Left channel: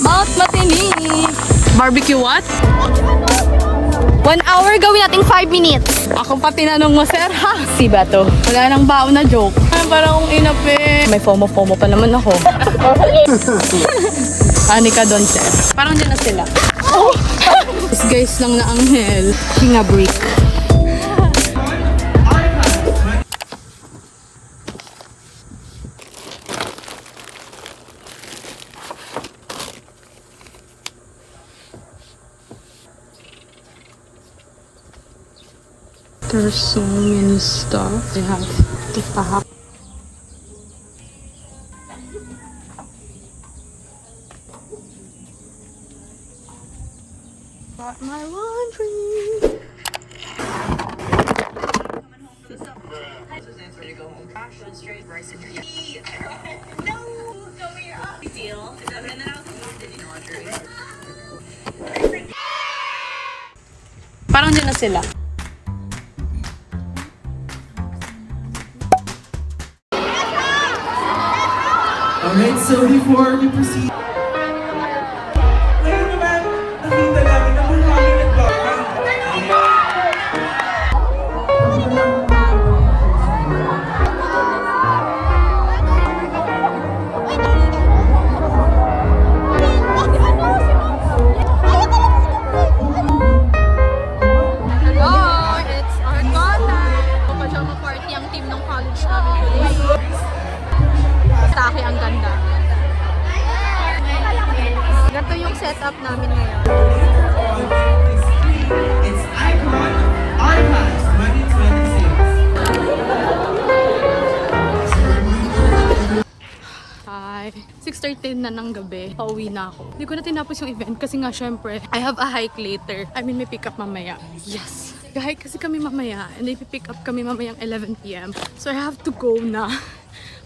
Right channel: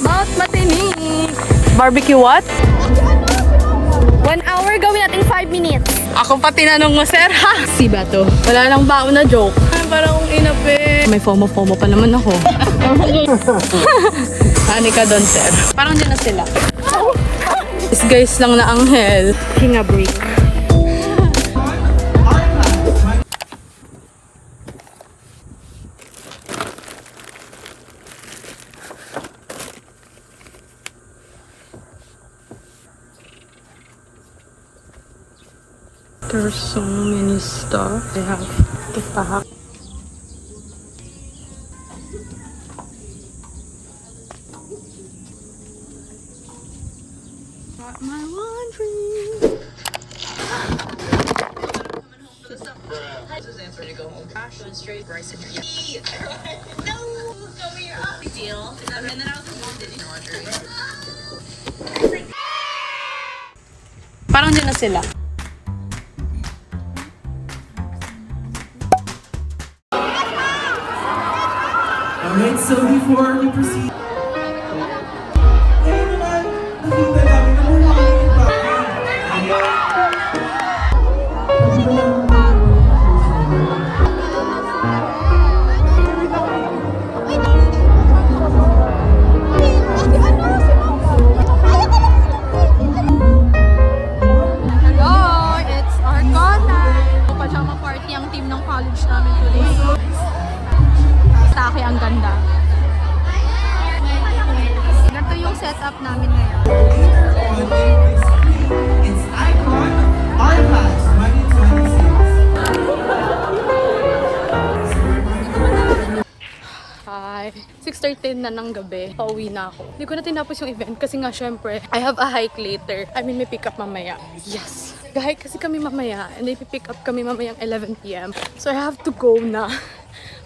Mount Matinik. Barbecue what? 1 hour, gawin natin 5 minutes. Ako pa tinanong mo, sir, ha? Si ba to? Wala nang baon na joke. Ay, parang akong inape. May FOMO pa naman ako. Hani ka doon, sir. Parang din na sila. This guys lang na anghel. Hinga break. There's so many stuff I have to pack. Got my laundry. Parang din na sila. Alright, so before we proceed, ngayon naman, nakita namin na mula kami Hello, it's our corner. Pajama party ang team ng college namin today. Take ang ganda. Ganito yung setup namin ngayon. It's Icon, our class, Monday to Wednesday. Hi. 6:30 na ng gabi. Pauwi na ako. Hindi ko na tinapos yung event kasi nga syempre, I have a hike later. I mean, may pick up mamaya. Yes. Gahike kasi kami mamaya and may pick up kami mamayang 11 PM. So I have to go na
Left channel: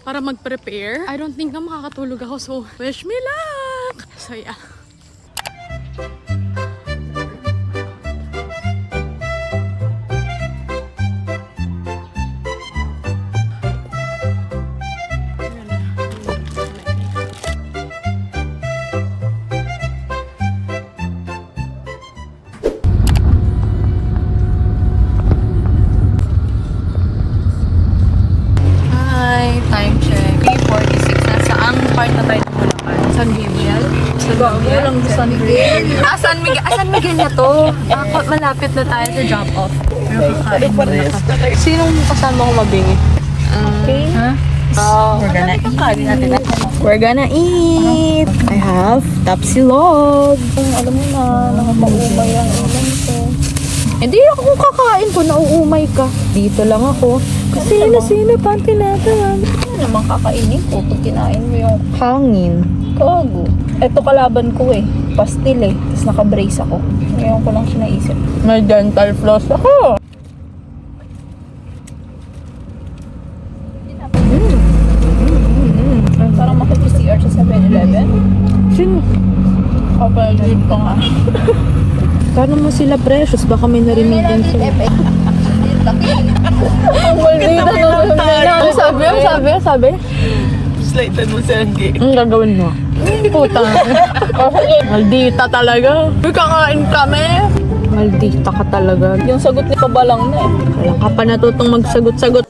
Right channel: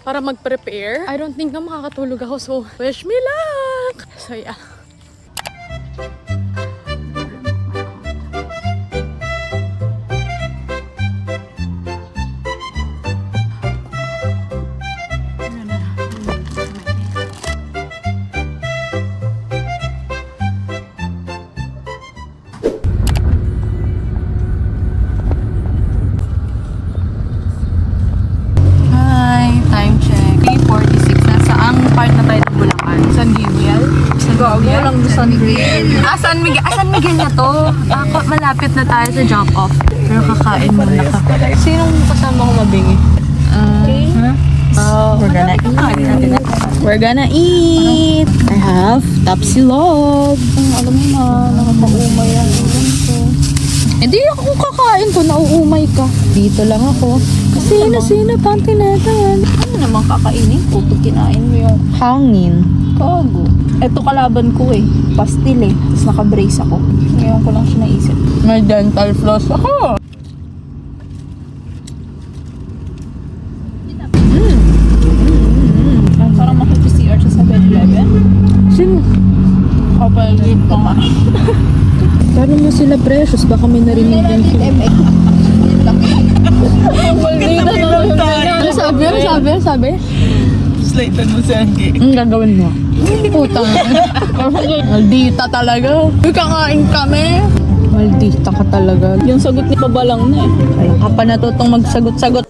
para mag-prepare. I don't think na makakatulog ako, so wish me luck! So yeah. Time check. 3:46. Nasaang part na tayo ng Bulacan? San Miguel? Gago lang sa San Miguel. San Miguel? San Miguel na to? Ako, malapit na tayo sa drop-off. Pero kakain muna ka. Sinong kasama ko mabingi? We're gonna eat. I have tapsilog. Alam mo na, nakapa-umay ang ulam ko. Hindi ako kakain ko, nauumay ka. Dito lang ako. Kasi sino pang tinatayan? Ano naman kakainin ko pag kinain mo yung Hangin. kago? Eto kalaban ko eh. Pastil eh. Tapos naka-brace ako. Ngayon ko lang siya naisip. May dental floss ako. Parang makipag-CR sa 7-Eleven. Sino? Kapag-gate ko nga. Paano mo sila precious? Baka may narinig din sila. Ang sabi? Ang sabi? Ang sabi? Slighted mo si Andy. Ang gagawin mo? Puta. Maldita talaga. Uy, kakain kami. Maldita ka talaga. Yung sagot ni Pabalang na eh. Wala ka pa natutong magsagot-sagot.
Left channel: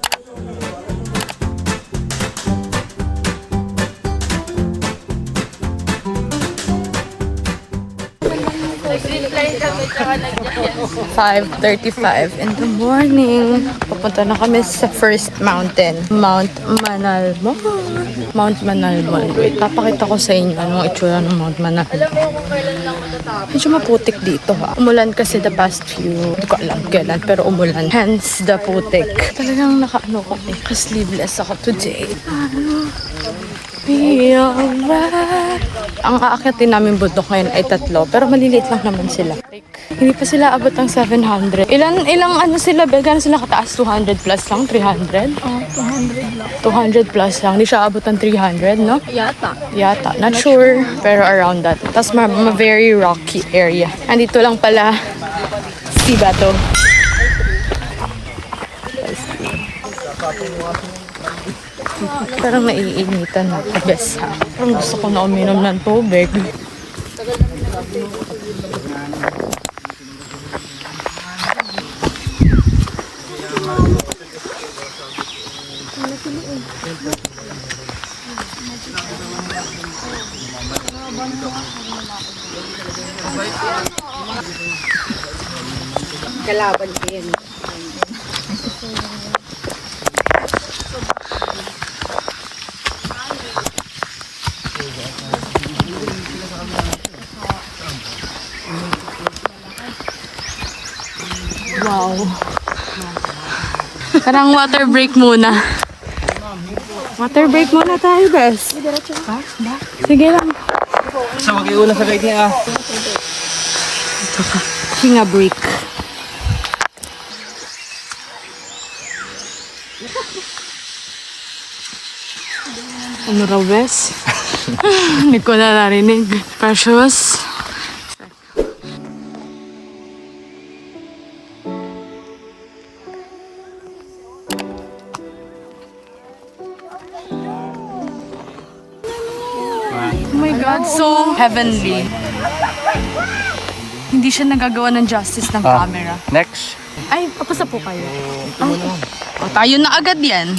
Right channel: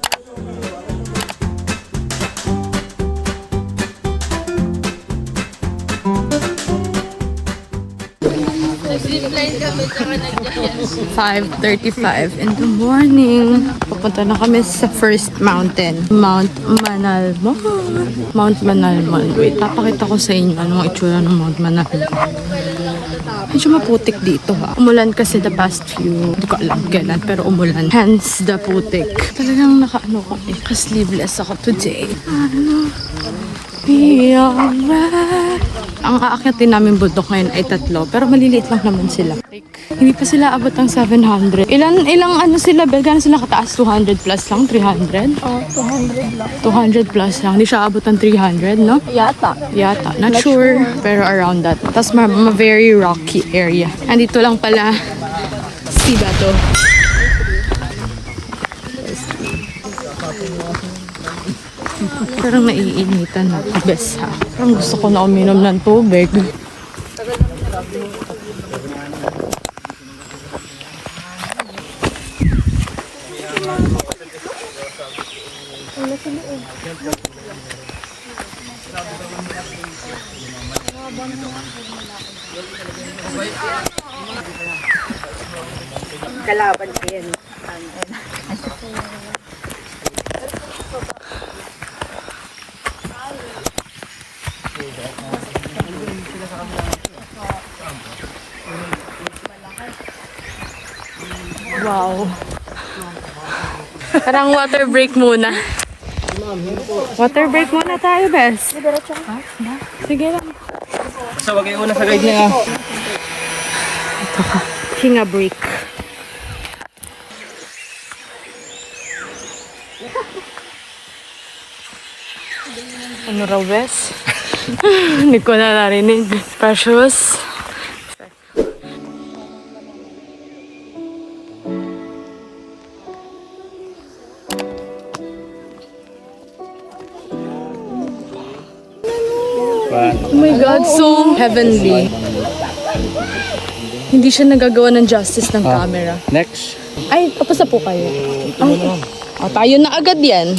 "5:35 in the morning. Papunta na kami sa first mountain. Mount Manalmon. Mount Manalmon. Wait, papakita ko sa inyo anong itsura ng Mount Manalmon. Medyo maputik dito ha. Umulan kasi the past few, hindi ko alam kailan, pero umulan. Hence the putik. Talagang nakaano ko eh. Sleeveless ako today. Ano? Be alright. Ang aakyatin namin bundok ngayon ay 3, pero maliliit lang naman sila. Like, hindi pa sila abot ng 700. Ilang ano sila, gano'n sila kataas? 200 plus lang? 300? 200 plus lang. Hindi siya abot ng 300, no? Yata. Not sure. Pero around that. Tapos very rocky area. Andito lang pala si Bato. Parang naiinitan ako. Bes ha. Parang gusto ko na uminom ng tubig. Kalaban ko yan. Wow. Parang water break muna. Water break muna tayo, bes. Sige lang. So, wag iuna sa guide niya. Hinga break. Ano raw, bes? Hindi ko na narinig. Precious. Oh my God, so heavenly. Hindi siya nagagawa ng justice ng camera. Next. Ay, tapos na po kayo. O, tayo na agad yan.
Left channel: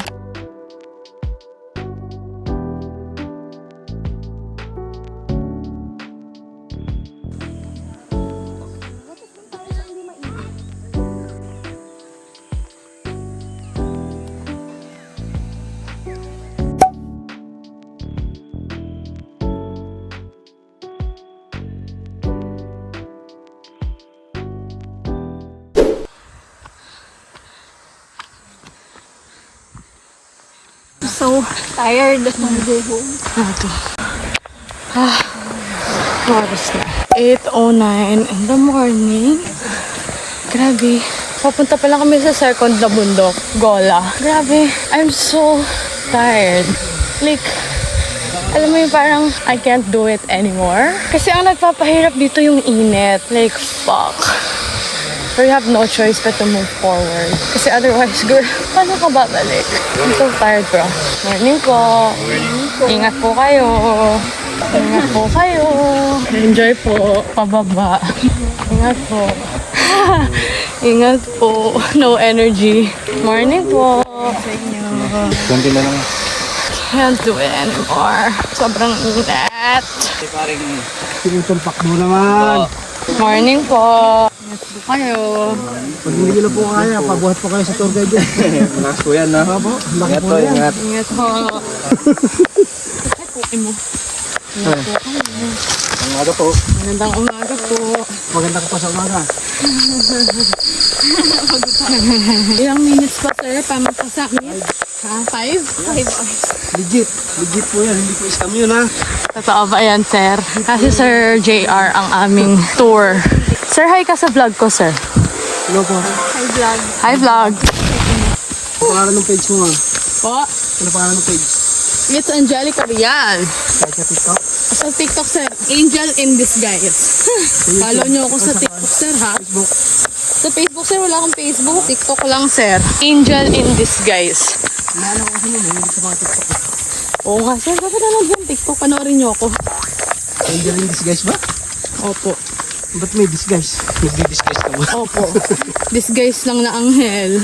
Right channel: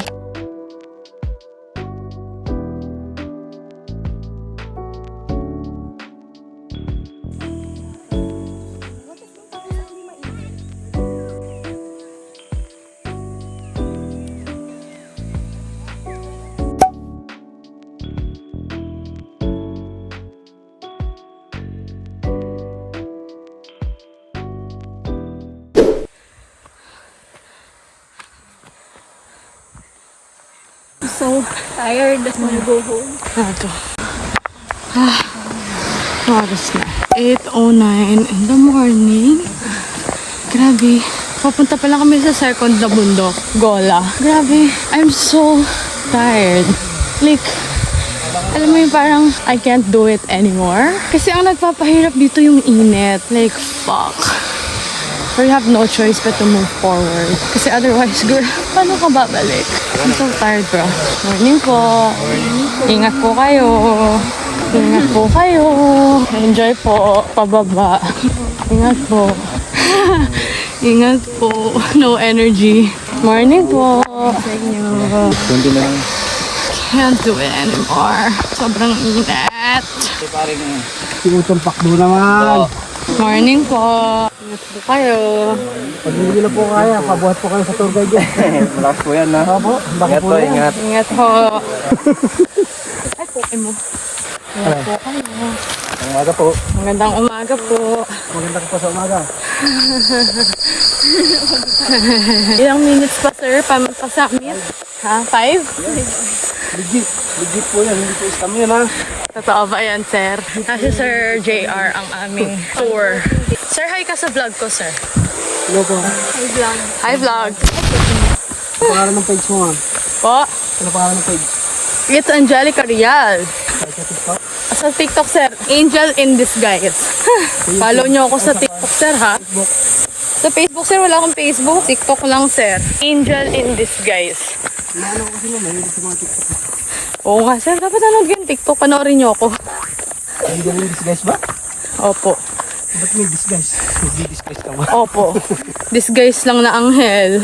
So tired. Wanna go home. Ito. Oras na. 8:09 in the morning. Grabe. Papunta pa lang kami sa second na bundok. Gola. Grabe. I'm so tired. Like, alam mo yung parang I can't do it anymore. Kasi ang nagpapahirap dito yung init. Like, fuck. We have no choice but to move forward. Kasi otherwise, girl, paano ka babalik? I'm so tired, bro. Morning po. Ingat po kayo. Ingat po kayo. Enjoy po. Pababa. Ingat po. Ingat po. No energy. Morning po. Kundi na lang. Can't do it anymore. Sobrang init. Tinutumpak mo naman. Morning po. Ingat po kayo. Pag hindi na po kaya, pabuhat po kayo sa tour guide yan. Malakas po yan, ha? Opo, laki po na yan. Ingat po. Ay, pukin mo. Ingat po kayo. Umaga po. Magandang umaga po. Maganda ka pa sa umaga. Ilang minutes pa, sir, pa-summit? Ha? 5? Legit. Legit po yan. Hindi po scam yun, ha? Totoo ba yan, sir? Kasi Sir JR ang aming tour. Sir, hi ka sa vlog ko, sir. Hello po. Hi, vlog. Ano pangalan ng page mo, ha? Po, Ano pangalan ng page? it's Angelica Rial. Sa TikTok? Sa TikTok, sir. Angel in Disguise. Follow nyo ako sa TikTok, sir, ha? Facebook. Sa Facebook, sir, wala akong Facebook. TikTok lang, sir. Angel in Disguise. Inaano ko kasi mo, mahilig sa mga TikTok. Oo nga, sir. Dapat nanood yung TikTok. Panoorin nyo ako. Angel in disguise ba? Opo. Ba't may disguise? Magdi-disguise ka ba? Opo. Disguise lang na anghel.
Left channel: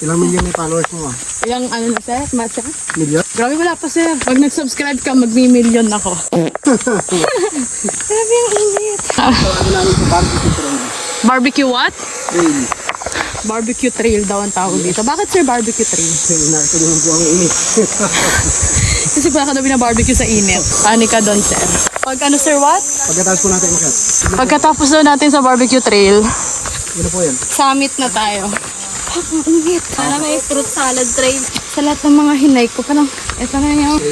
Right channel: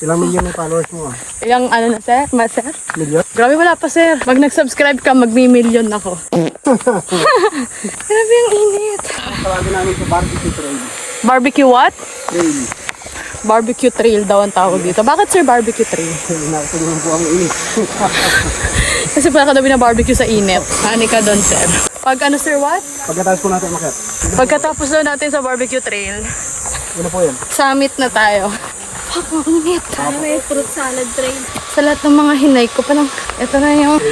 Ilang million na followers mo, ha? Ilang ano na, sir? Sir? Million? Grabe, wala pa, sir. Pag nag-subscribe ka, magmi-million ako. Grabe ang init. Barbecue what? Trail. Barbecue trail daw ang tawag dito. Bakit, sir, barbecue trail? Nakatulungan po ang init. Kasi pala ka daw barbecue sa init. Hani ka doon, sir. Pag ano, sir, what? Pagkatapos po natin umakyat. Pagkatapos daw natin sa barbecue trail, Ano po yun? summit na tayo. Fuck, ang init. Para may fruit salad tray. Sa lahat ng mga hinay ko, parang, eto na yung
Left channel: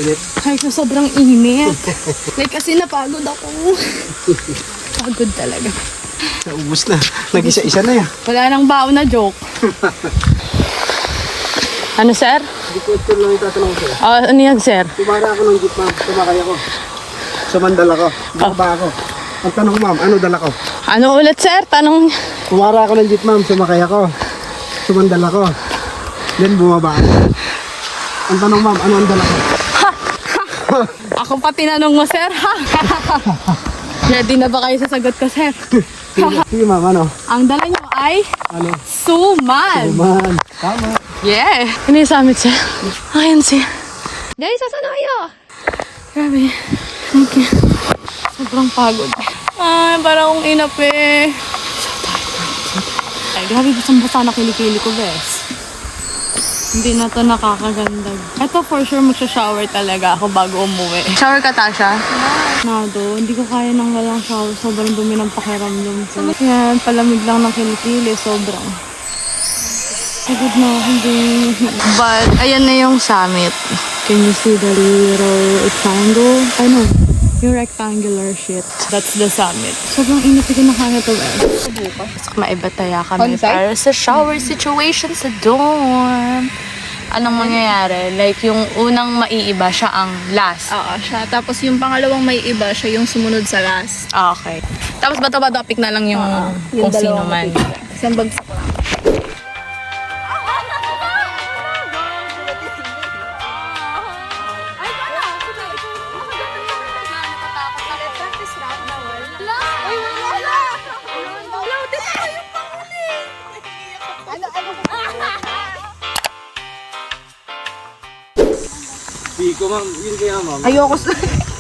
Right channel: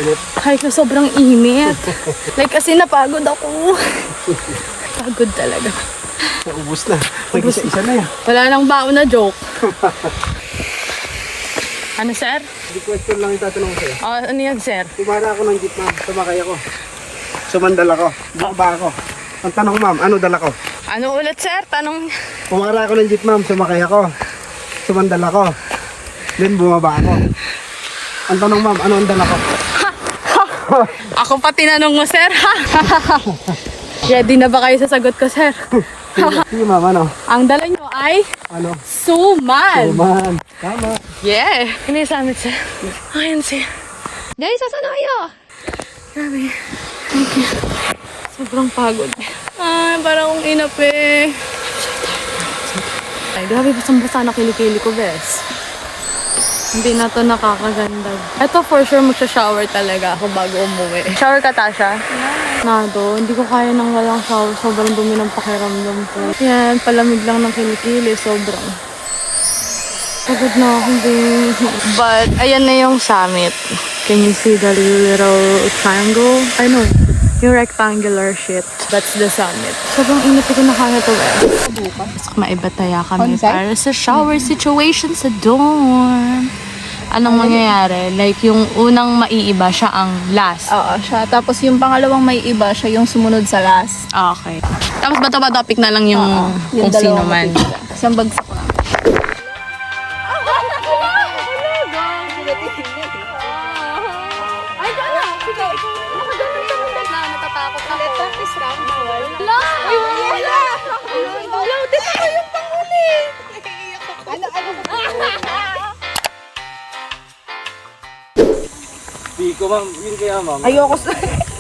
hike na sobrang init. Like, kasi napagod ako. Pagod talaga. Naubos na. Nag-isa-isa na yan. Wala nang baon na joke. Ano, sir? Hindi question lang yung tatanong ko sa'yo. Ano yan, sir? Tumara ako ng jeep, ma'am. Sumakay ako. Sumandal ako. Bumaba ako. Ang tanong, ma'am, ano dala ko? Ano ulit, sir? Tanong. Tumara ako ng jeep, ma'am. Sumakay ako. Sumandal ako. Then bumaba ako. Ang tanong, ma'am, ano ang dala ko? Ako pa tinanong mo, sir. Ready na ba kayo sa sagot ko, sir? Sige ma'am, ano? Ang dala nyo ay suman. Man, tama. Yeah. Ano yung summit, sir? Ayan, sir. Dahil sa sanayo. Grabe. Sobrang pagod. Ay, parang akong inap eh. Ay, grabe, basang-basa na kilikili ko, bes. Hindi na to nakakaganda. Ito for sure magsha-shower talaga ako bago umuwi. Shower ka, Tasha? Nado, hindi ko kaya nang walang shower. Sobrang dumi ng pakiramdam ko. Yan, palamig lang ng kilikili. Sobrang. Pagod na ako, hindi. But, ayan na yung summit. Can you see the little triangle? I know. Yung rectangular shit. That's the summit. Sobrang init ko na kaya to eh. Bukas. Maibataya kami para sa shower situation sa dorm. Anong mangyayari? Like, yung unang maiiba siya ang last. Oo, siya. Tapos yung pangalawang may iba, siya yung sumunod sa last. Okay. Tapos bato-bato pick na lang yung kung sino man. Kasi ang bagsak lang. Di ko ma'am, yun kaya ma'am. Ayoko sa...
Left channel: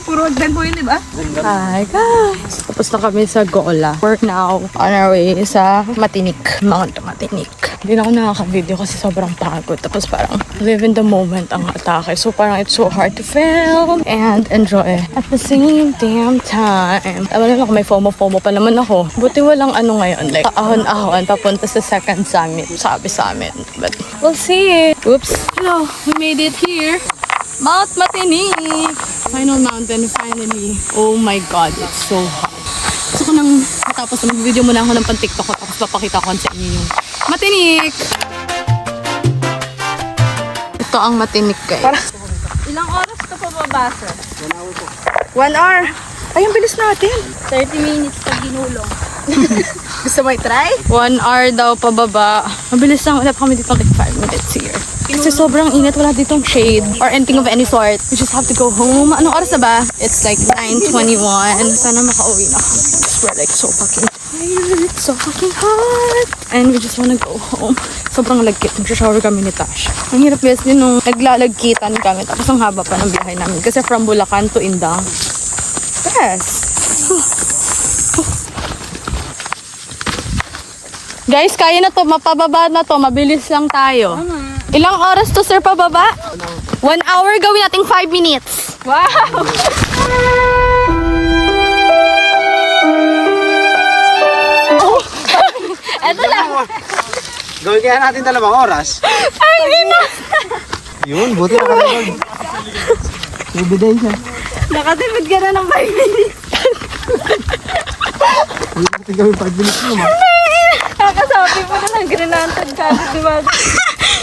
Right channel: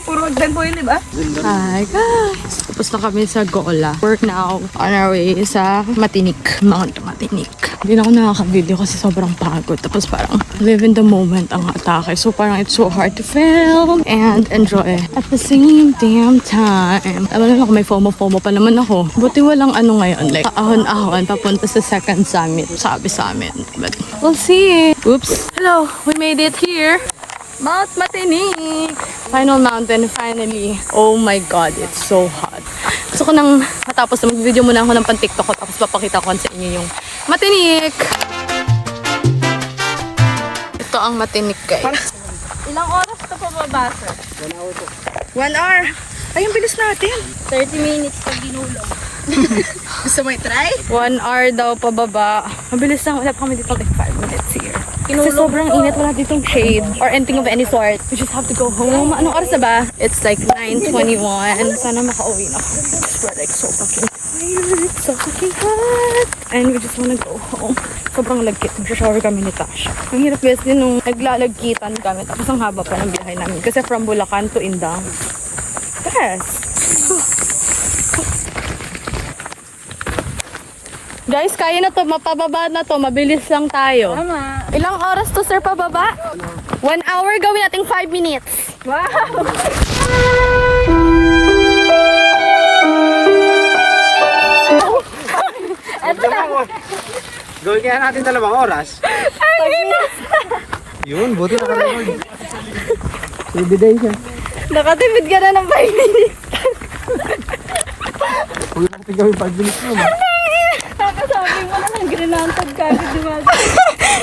Puro magdag po yun, diba? Hi guys! Tapos na kami sa Gola. We're now on our way sa Matinik. Mount Matinik. Hindi na ako nakaka-video kasi sobrang pagod. Tapos parang live in the moment ang atake. So parang it's so hard to film and enjoy at the same damn time. Alam na ako, may FOMO pa naman ako. Buti walang ano ngayon. Like, ahon-ahon papunta sa second summit. Sabi sa amin. But we'll see. Oops. Hello! We made it here. Mount Matinik! Final mountain, finally. Oh my God, it's so hot. Gusto ko nang matapos na mag-video muna ako ng pan-TikTok ko tapos papakita ko sa inyo yung Matinik! Ito ang Matinik, guys. Ilang oras ka pa baba, sir? 1 hour po. 1 hour. Ay, ang bilis natin. 30 minutes pag ginulong. Gusto mo i-try? 1 hour daw pababa. Mabilis lang. Wala pa kami dito like 5 minutes here. So sobrang init. Wala ditong shade or anything of any sort. We just have to go home. Anong oras na ba? It's like 9:21. Sana makauwi na. We're like so fucking so fucking hot. And we just wanna go home. Sobrang lagkit. Nagsha-shower kami ni Tash. Ang hirap guys din nung naglalagkitan kami. Tapos ang haba pa ng biyahe namin. Kasi from Bulacan to Indang. Yes. Guys, kaya na to. Mapababa na to. Mabilis lang tayo. Ilang oras to, sir, pababa? 1 hour. Gawin natin 5 minutes. Wow! Gawin kaya natin 2 oras. Yun, buti na ka-record. Ebidensya. Nakatipid ka na ng 5 minutes. Huwag natin gawin 5 minutes mo, ma'am. Kakasabi mo na ng granantad ka. Diba?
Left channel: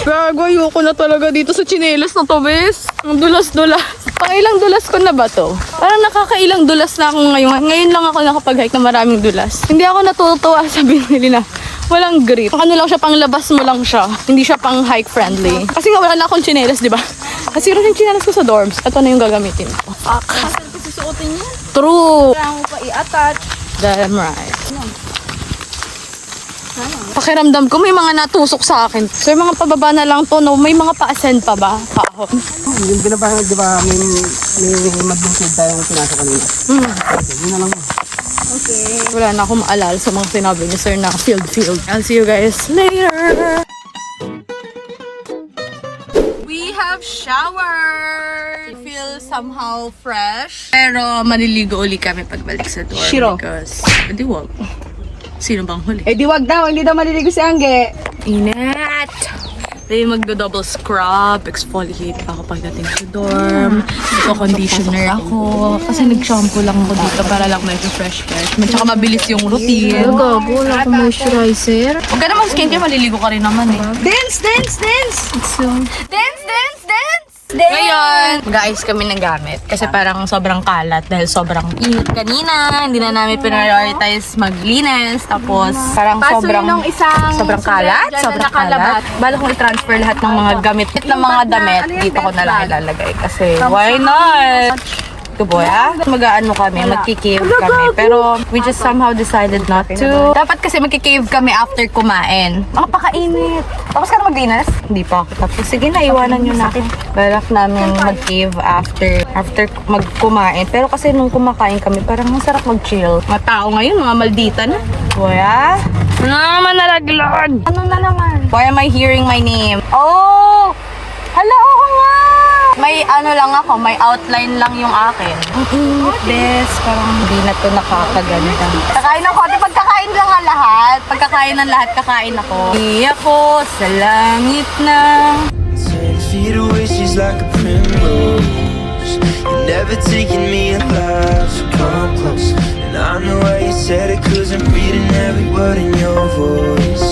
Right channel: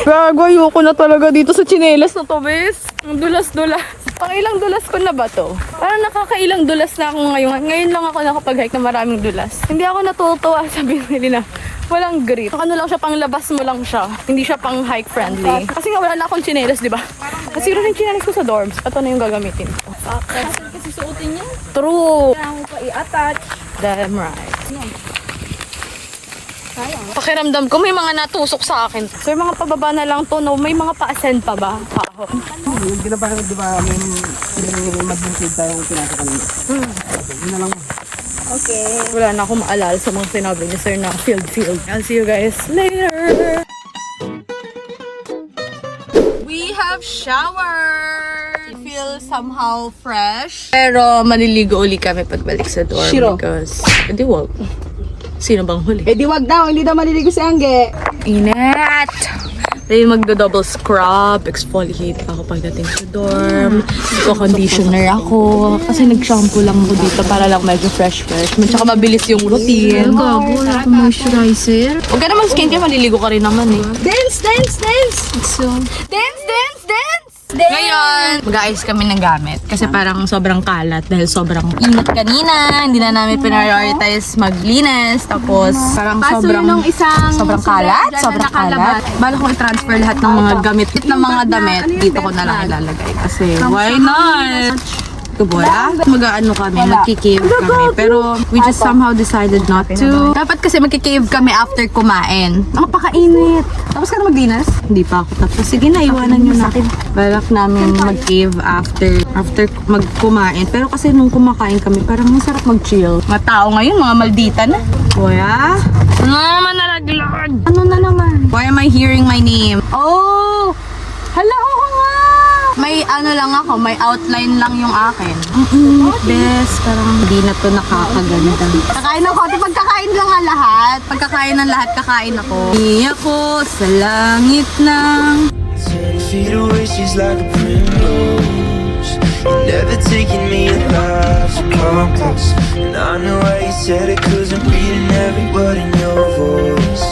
Gago, ayoko na talaga dito sa tsinelas na to, bes. Ang dulas-dulas. Pangilang dulas ko na ba to? Parang nakakailang dulas na ako ngayon. Ngayon lang ako nakapag-hike na maraming dulas. Hindi ako natutuwa sa binili na walang grip. Ano lang siya, panglabas mo lang siya. Hindi siya pang hike friendly. Kasi nga wala na akong tsinelas, di ba? Nasira na yung tsinelas ko sa dorms. Ito na yung gagamitin ko. Hassle ko susuotin niya. True. Kailangan mo pa i-attach. Damn right. Pakiramdam ko may mga natusok sa akin. So yung mga pababa na lang to, no? May mga pa-ascend pa ba? Paahon. Hindi pinapahal, di ba, may mag-include tayong pinasa kanina. Yun na lang mo. Okay. Wala na akong maalala sa mga sinabi ni sir na field. I'll see you guys later. We have showered. Feel somehow fresh. Pero maliligo uli kami pagbalik sa dorm. Shiro. Because, di wag. Sino bang huli? Eh di wag daw, hindi daw maliligo si Angge. Init! Then magdo-double scrub, exfoliate pa ako pagdating sa dorm. Nagko-conditioner ako. Kasi nag-shampoo lang ako dito para lang medyo fresh. Tsaka mabilis yung routine. Gago, wala akong moisturizer. Huwag ka naman skincare, maliligo ka rin naman eh. Dance! Dance! Ngayon, mag-aayos kami ng gamit. Kasi parang sobrang kalat dahil sobrang init kanina. Hindi na namin prioritize maglinis. Tapos parang sobrang kalat. Sobrang kalat. Bala kong i-transfer lahat ng mga gamit ng mga damit. Dito ko na lang ilalagay. Kasi why not? Boya. Mag-ano kami, magki-cave kami. Pero we just somehow decided not to. Dapat kasi magki-cave kami after kumain. Napakainit. Tapos ka na maglinis? Hindi pa ako tapos. Sige na, iwanan nyo na ako. Balak namin mag-cave after magkumain. Pero kasi nung kumakain kami, parang masarap mag-chill. Mga tao ngayon, mga maldita na. Boya? Ano naman nalaglan? Ano na naman? Why am I hearing my name? Oh! Hala, oo nga! May ano lang ako, may outline lang yung akin. Ang init, bes. Parang hindi na to nakakaganda. Kakain ako. Pagkakain lang ang lahat. Pagkakain ng lahat, kakain ako. Hindi ako sa langit ng... 10 feet away, she's like a primrose. You're never taking me alive, so come close. And I know why you said it, 'cause I'm reading every word in your voice.